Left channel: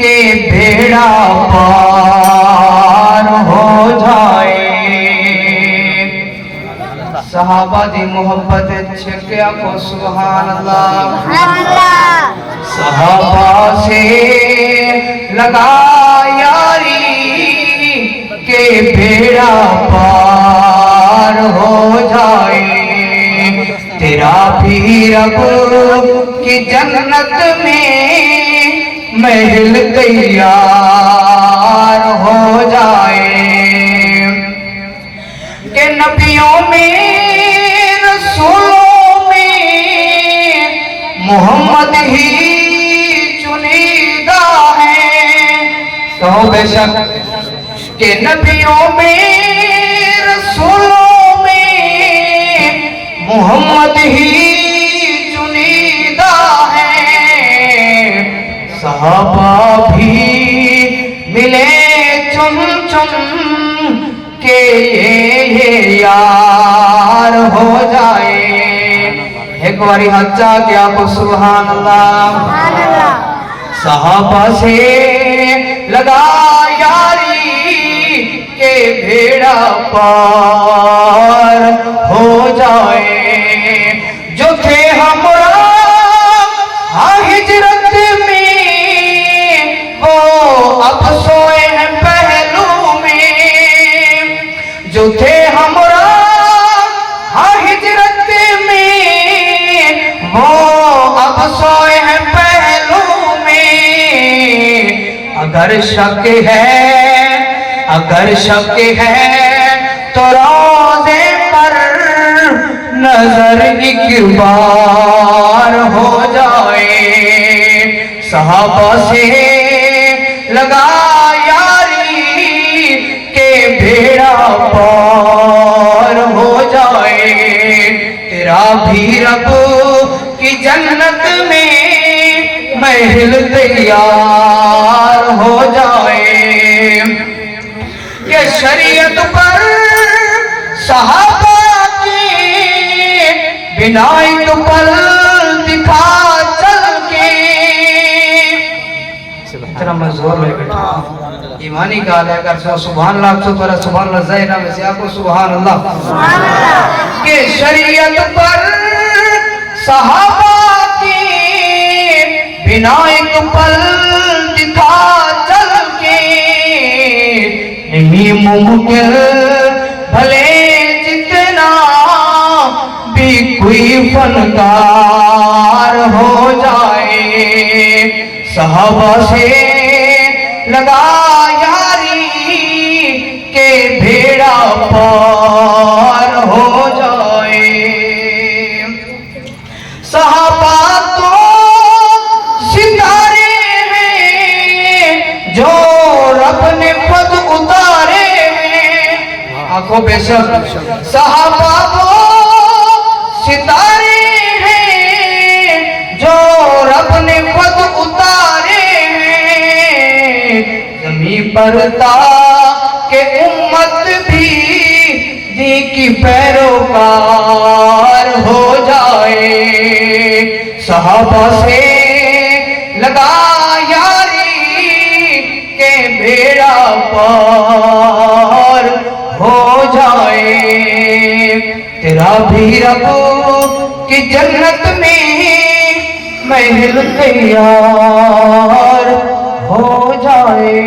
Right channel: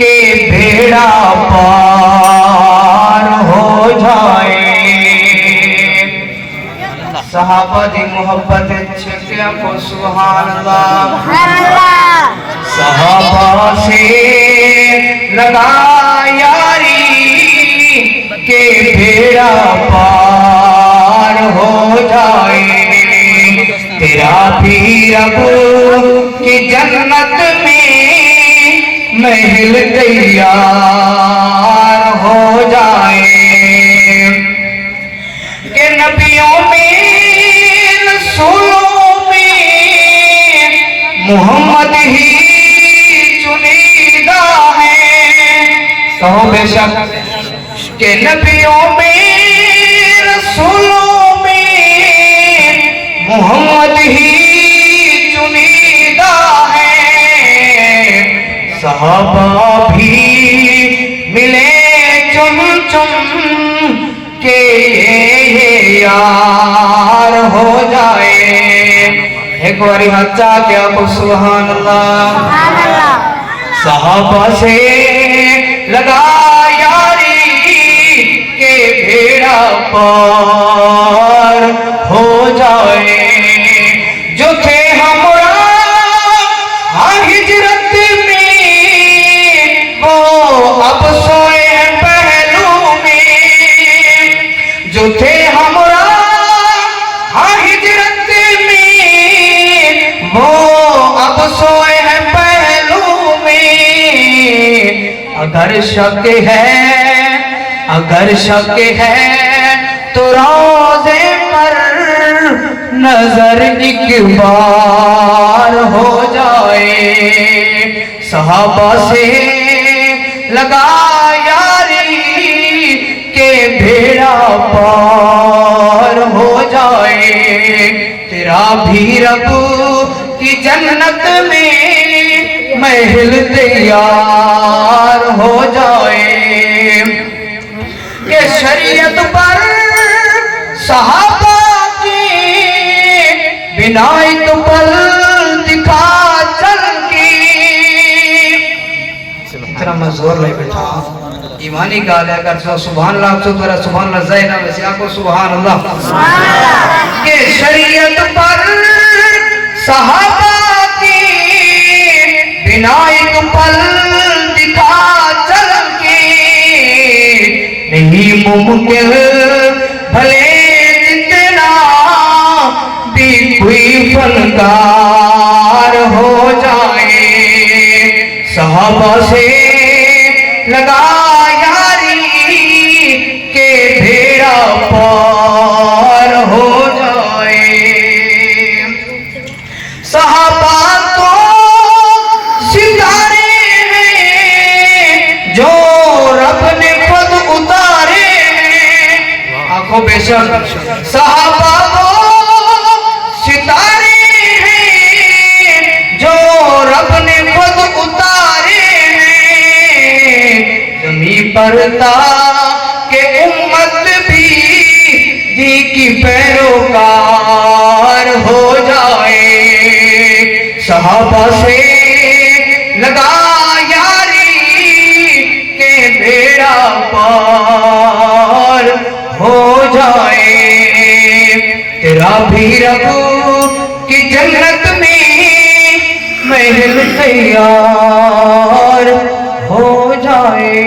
کہ بیڑا پار ہو جائے۔ صحابہ دی محبت چھکیا کو سبحان اللہ۔ صحابہ سے لگا یاری کہ بیڑا پار ہو جائے۔ تیرا بھی رب کی جنت میں محل تیار ہو جائے۔ کہ نبیوں میں رسولوں میں محمد ہی چنیدہ ہے۔ کہو بے شک کہ نبیوں میں رسولوں میں محمد ہی چنیدہ ہے۔ صحابہ بھی ملے چن چن کہ یہ یار ہو جائے۔ ایک باری ہچا کیا کو سبحان اللہ۔ صحابہ سے لگا یاری کہ بیڑا پار ہو جائے۔ جو تھے ہمراہ ہجرت میں وہ اب سوئے ہیں پہلو میں۔ جو تھے ہمراہ ہجرت میں وہ اب سوئے ہیں پہلو میں۔ اگر شک ہے تو روضے پر نظر ایک بار ہو جائے۔ صحابہ سے لگا یاری کہ بیڑا پار ہو جائے۔ تیرا بھی رب کی جنت میں محل تیار ہو جائے۔ کہ شریعت پر صحابہ کی بنائی تو پل دکھا چل کے۔ اتنا مزور لے بیٹھا ایمانی کا لے کر سبحان اللہ تو ترہ سبحان اللہ زینہ میں سے آکو سبحان اللہ۔ کہ شریعت پر صحابہ کی بنائی تو پل دکھا چل کے۔ نہیں ممکن بھلے جتنا بھی کوئی فنکار ہو جائے۔ صحابہ سے لگا یاری کہ بیڑا پار ہو جائے۔ صحابہ تو ستارے ہیں جو رب نے خود اتارے ہیں۔ آنکھوں بے شک صحابہ وہ ستارے ہیں جو رب نے خود اتارے ہیں۔ زمین پر تا کہ امت بھی دی کی پیروکار ہو جائے۔ صحابہ سے لگا یاری کہ بیڑا پار ہو جائے۔ تیرا بھی رب کی جنت میں محل تیار ہو جائے۔